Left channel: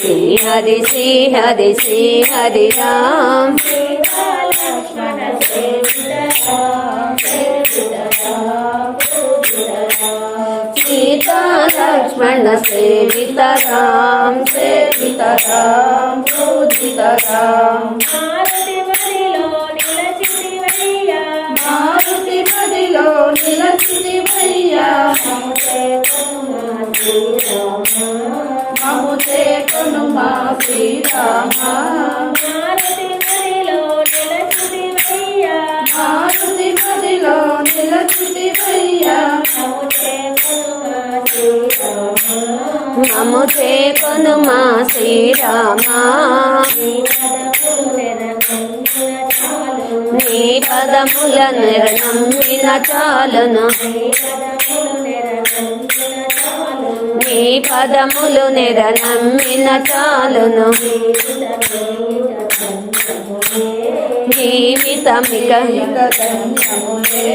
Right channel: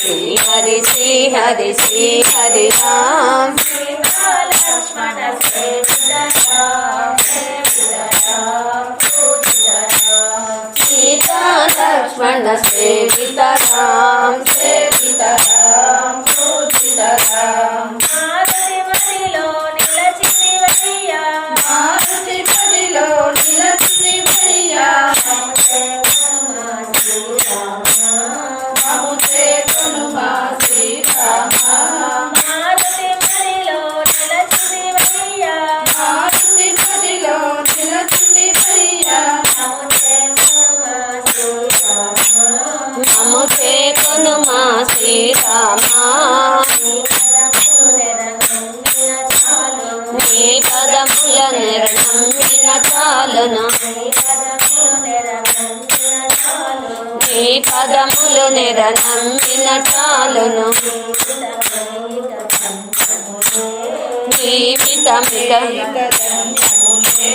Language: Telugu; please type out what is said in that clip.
श्री हरि श्री हरि राम सीता लक्ष्मण सेवित राम पूजित राम मारुति मदिलो निलचितिवయ్యా మముతే కొనుమా శ్రీరామ మారుతి మదిలో నిలచితివయ్యా మముతే కొనుమా శ్రీరామ నీ పదముల నిర్ణమ్మిన చాలును నీ పదములు నిరనమ్మిన చాలును జీవితమిక ధన్యములే